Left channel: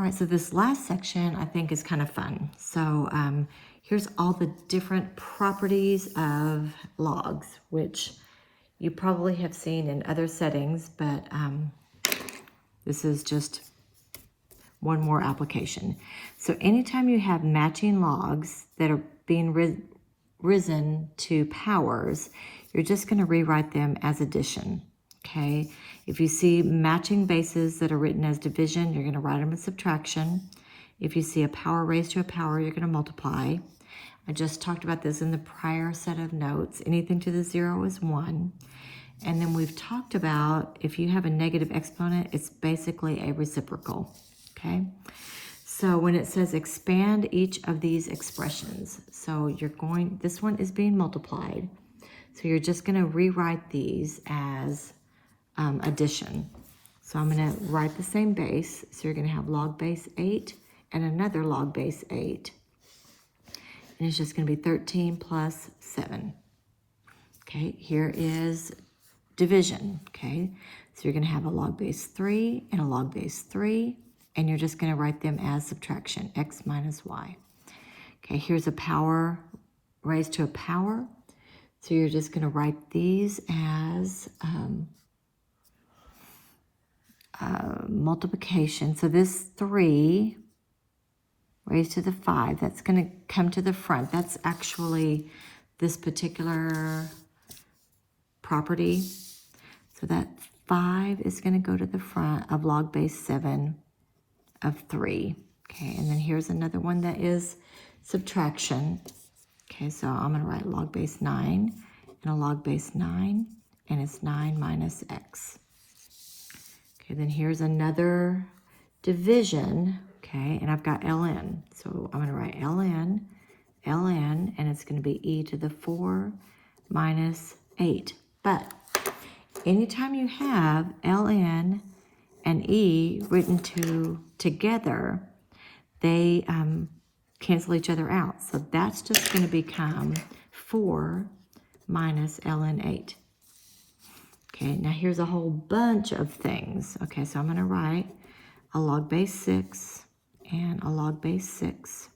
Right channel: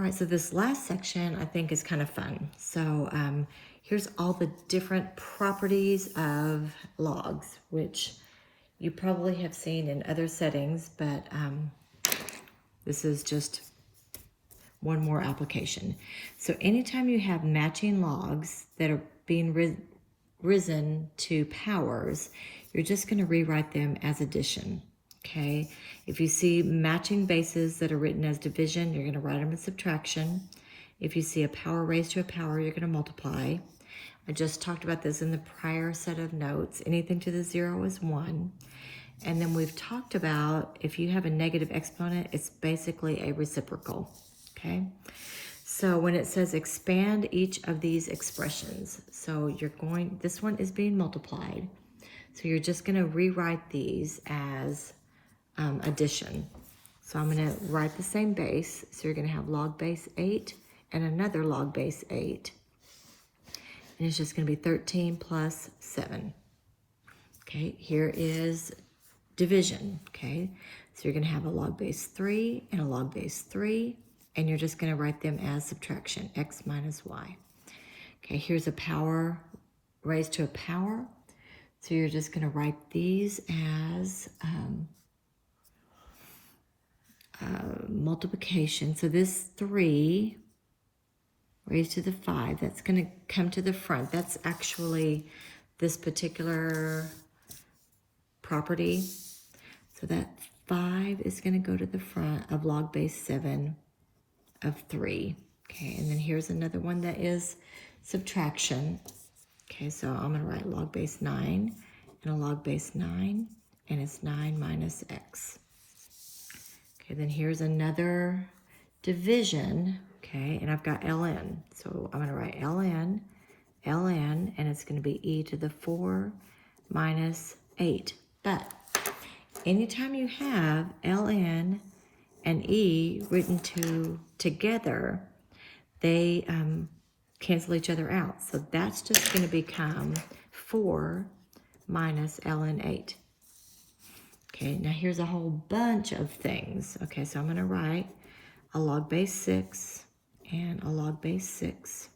All right, so this last section I think is kind of fun. So here's all the different properties of logs, which you probably have seen in other settings, but this is just one more application. So anytime you have matching logs that are being risen to powers, you're just going to rewrite them as addition, okay? If you see matching bases that are written as division, you're going to write them as subtraction. If you see a power raised to a power, you're going to multiply. I just talked about this in the prior set of notes. Anything to the 0 is 1. And then we've talked about if you have a negative exponent, it's basically a reciprocal, okay? So when it says expand each of these expressions, so this one is being multiplied. So you're just going to rewrite these as addition. So I'm going to write the same base. So you're going to have log base 8 and another log base 8. And it's just going to be 13 plus 7. Okay, here is division. Okay, so you're going to have a log base 3 and a log base 3. And you're just going to write them as subtraction, x minus y. Okay, here's a power raised to a power. So you're just going to write these as multiplication. So this 3 raised to the 5, that's going to come to the front. That's actually this particular property. So that 5 is going to go to the front of log base 7 of 3. Okay, and then here's another one that is subtraction. Okay, so I'm going to write log base 9 and a log base 9, and it's 9 minus x. Okay, then here's another division, okay, and I've got ln. So I'm going to write ln, and it's going to be e to the 4 minus 8. But anytime you have ln and e written together, they cancel each other out. So that's just going to become 4 minus ln 8. Okay, now here's a whole bunch of things. Okay, so I'm going to write a log base 6 and a log base 6.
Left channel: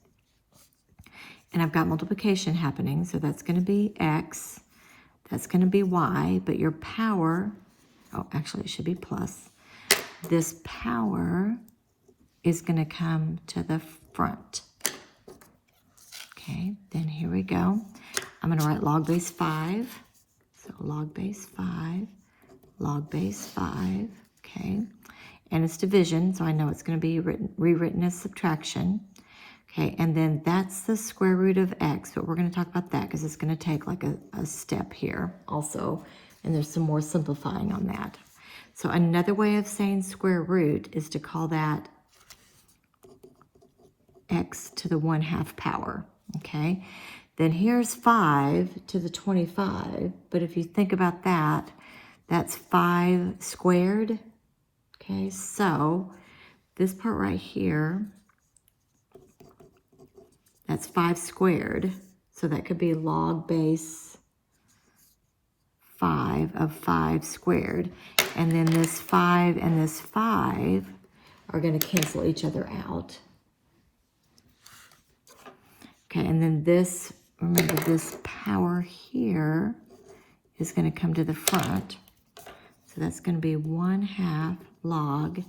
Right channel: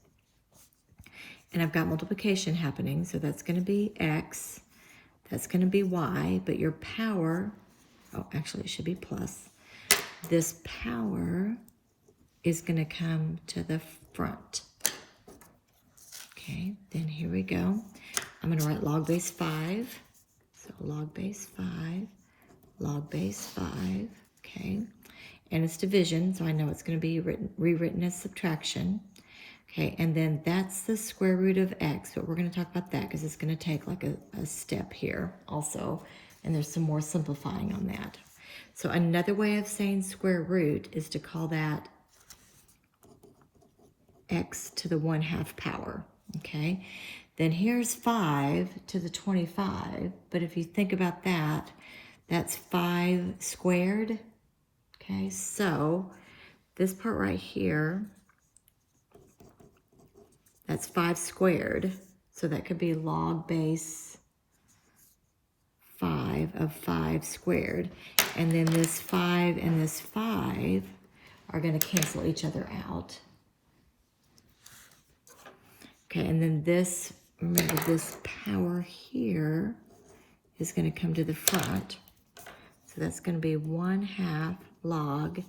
And I've got multiplication happening, so that's going to be x. That's going to be y, but your power, oh, actually it should be plus. This power is going to come to the front. Okay, then here we go. I'm going to write log base 5. So log base 5, log base 5, okay. And it's division, so I know it's going to be rewritten as subtraction. Okay, and then that's the square root of x, but we're going to talk about that because it's going to take like a step here also, and there's some more simplifying on that. So another way of saying square root is to call that x to the 1/2 power, okay? Then here's 5 to the 25, but if you think about that, that's 5 squared, okay? So this part right here, that's 5 squared, so that could be log base 5 of 5 squared. And then this 5 and this 5 are going to cancel each other out. Okay, and then this, remember this power here is going to come to the front. So that's going to be 1/2 log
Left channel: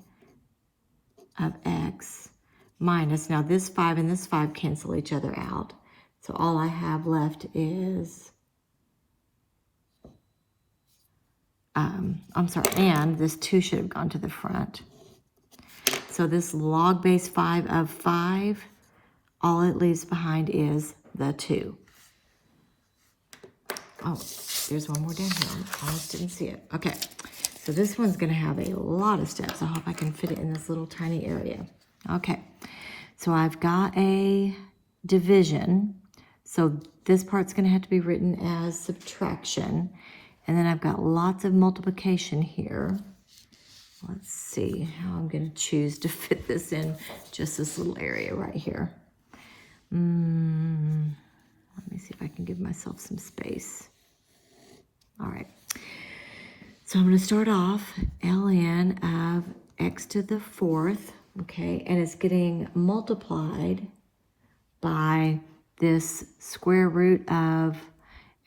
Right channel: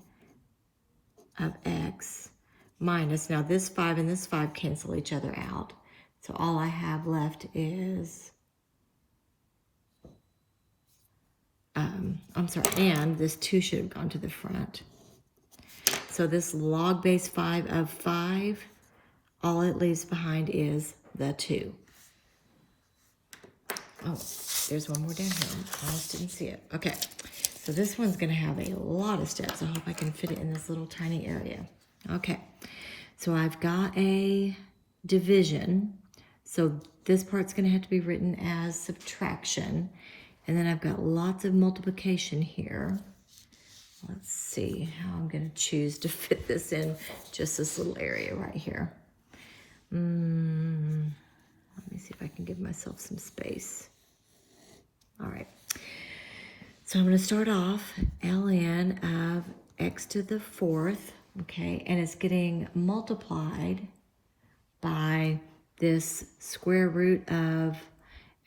of x minus, now this 5 and this 5 cancel each other out. So all I have left is, I'm sorry, and this 2 should have gone to the front. So this log base 5 of 5, all it leaves behind is the 2. Oh, there's one more down here. I just didn't see it. Okay, so this one's going to have a lot of steps. I hope I can fit it in this little tiny area. Okay, so I've got a division. So this part's going to have to be written as subtraction. And then I've got lots of multiplication here. Let's see how I'm going to choose to fit this in just this little area right here. Let me see if I can give myself some space. All right. So I'm going to start off ln of x to the 4th okay, and it's getting multiplied by this square root of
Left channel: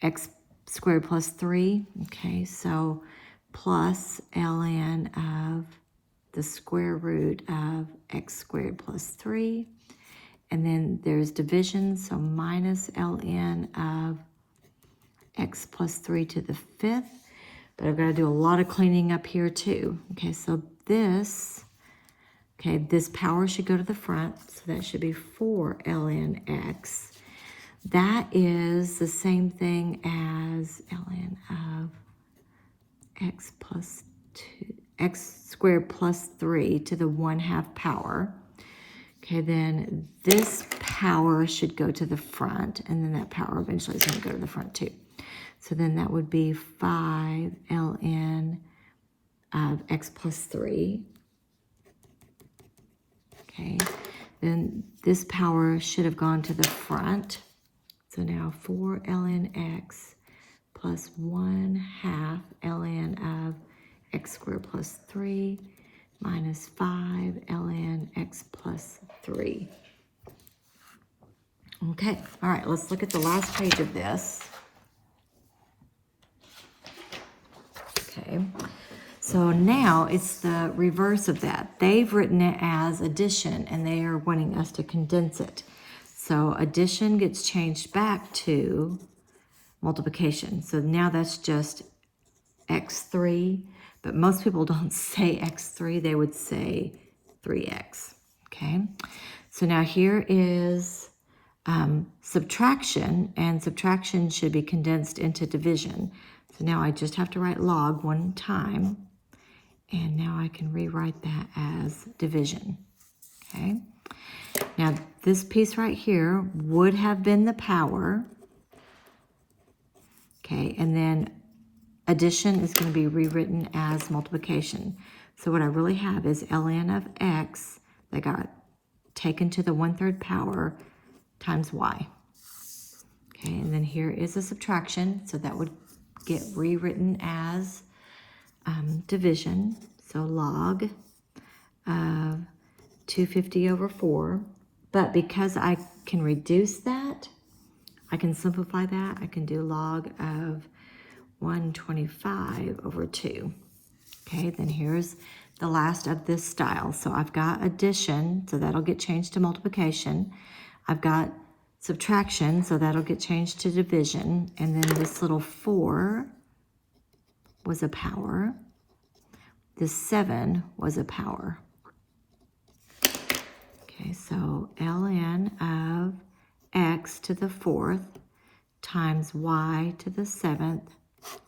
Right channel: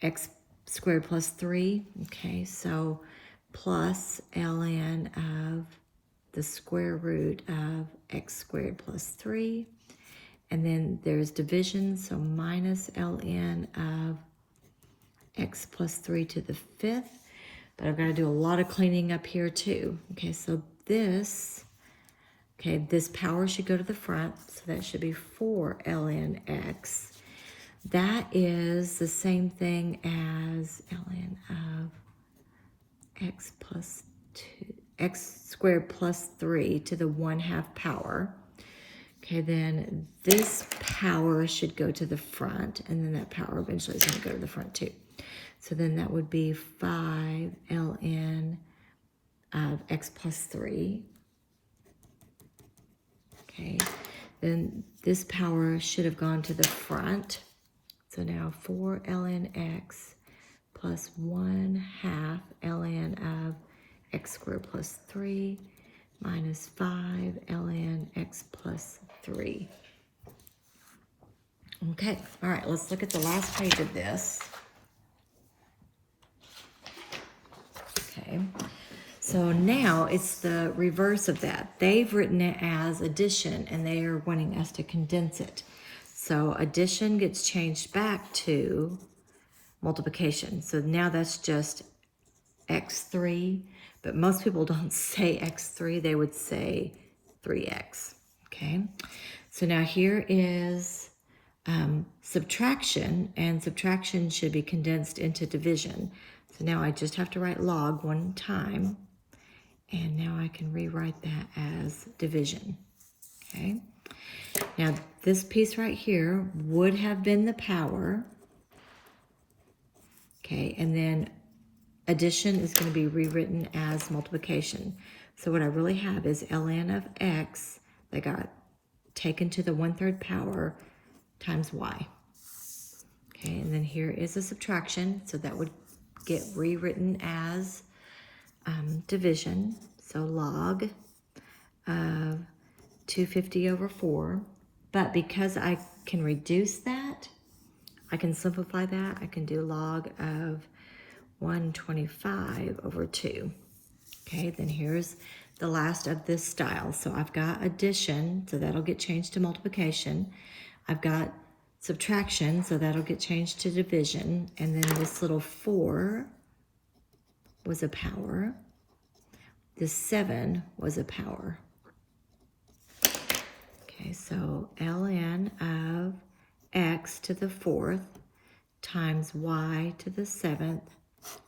x squared plus 3, okay, so plus ln of the square root of x squared plus 3, and then there's division, so minus ln of x plus 3 to the 5th, but I've got to do a lot of cleaning up here too, okay, so this, okay, this power should go to the front, so that should be 4 ln x. That is the same thing as ln of x plus 2, x squared plus 3 to the 1/2 power. Okay, then this power should go to the front, and then that power eventually is going to go to the front too. So then that would be 5 ln of x plus 3. Okay, then this power should have gone to the front. So now 4 ln x plus 1/2 ln of x squared plus 3 minus 5 ln x plus 3. Okay, all right, let's look at the last page of this. Okay, so now it's the reverse of that. They've written it as addition, and they are wanting us to condense it. So addition gets changed back to multiplication. So now that's just x3, but most people don't say x3, they would say 3x, okay? So now here is subtraction, and subtraction should be condensed into division. So now I just have to write log one time, and now I can rewrite that as division, okay? Now this piece right here would have been the power, okay, and then addition is going to be rewritten as multiplication. So what I really have is ln of x that got taken to the 1/3 power times y. Okay, and then here is a subtraction, so that would get rewritten as division. So log of 250 over 4. But because I can reduce that, I can simplify that. I can do log of 125 over 2. Okay, then here's the last of this style. So I've got addition, so that'll get changed to multiplication. I've got subtraction, so that'll get changed to division. And then this little 4 was a power. This 7 was a power. Okay, so ln of x to the 4th times y to the 7th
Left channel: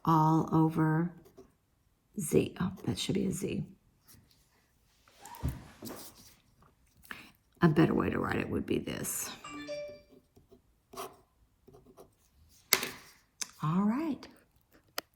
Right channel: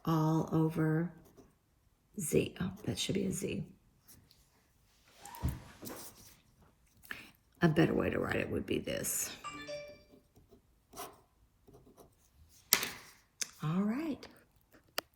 all over z. Oh, that should be a z. A better way to write it would be this. All right.